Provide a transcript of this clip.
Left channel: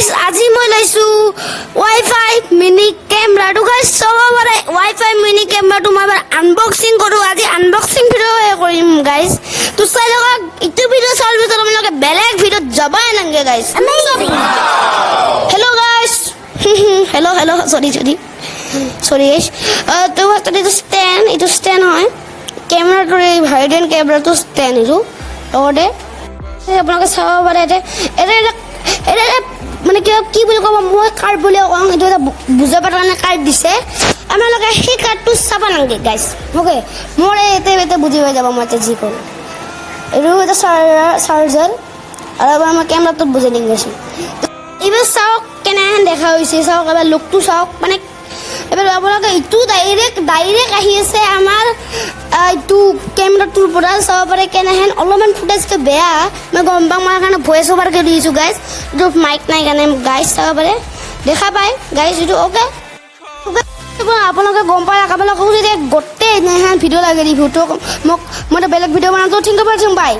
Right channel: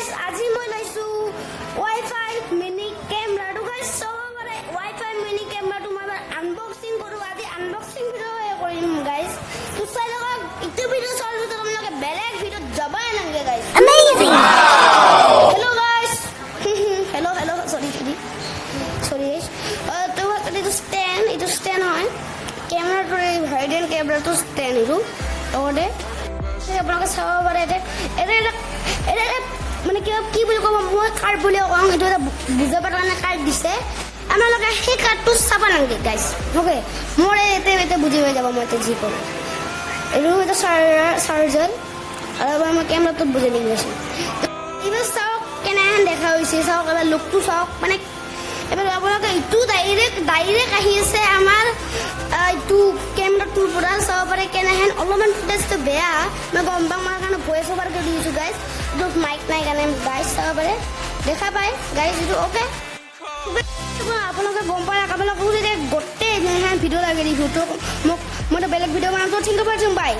guys আজি মই লাইছো wifi mini ক্যামেৰাটো guys সবৰে ওয়াইফাই মিনি ক্যামেৰাটো মই আনবক্সিং কৰো আজি আনবক্সিং ভিডিও কৰিম গাইস তো চাই লগা ইটো ভিডিও চাল ভিতৰত আপোনালোকে বেলেগ ভিডিও যাবাই নাংগে guys amazing hello' guys hello' hello' sorry guys তো এটা স্ট্যান্ড হয় ক্যামেৰাটো ভাইডেন ক্যামেৰাটো স্ট্যান্ড হলো লগতে আপোনালোকে চাব পাৰে এটা মানে কি বুলি ক'ব মই কাৰ্ড বুলি কওঁ এইটো এটা বুজাব কাৰণে কাৰ্ড দিছে আপোনালোকে সেই কাৰ্ডটো চাব নালাগে গাইছ অ'কে মোৰ এতিয়া বুজি পাই যাব মই এতিয়া যি কৰোঁ এইটো এটা চাৰ্জাৰ আৰু এবাৰ মই কেমেৰাটোত বুজাই দিম গৈছোঁ এইবাৰ চাওক কেনেহেন দেখা হৈছে চাওক এবাৰ লুকটো চাওক মানে এবাৰ আপোনালোকে এইটো ডাইৰেক্ট আহি আছে আমাৰ এইটো কেমেৰাটোৰ পৰা চাব পাৰে কেনেহেন অলপমান ফুটেজটো বেয়া মই গম পাওঁ মই কাৰণে ভইচ অভাৰ কৰি দিছোঁ গাইজ এইটো মাইক নাই কাৰণে গাইজ চাব পাৰে দেখা পায় গাইজ এইটো অ'কে আপোনালোকে গম পায় আপোনালোকক যদি গোটেই এনেহেন ভিডিঅ' লাগে ৰিভিউটো মোক মই বেলেগ ভিডিঅ' বনাওঁতে ঠিক আছে বাই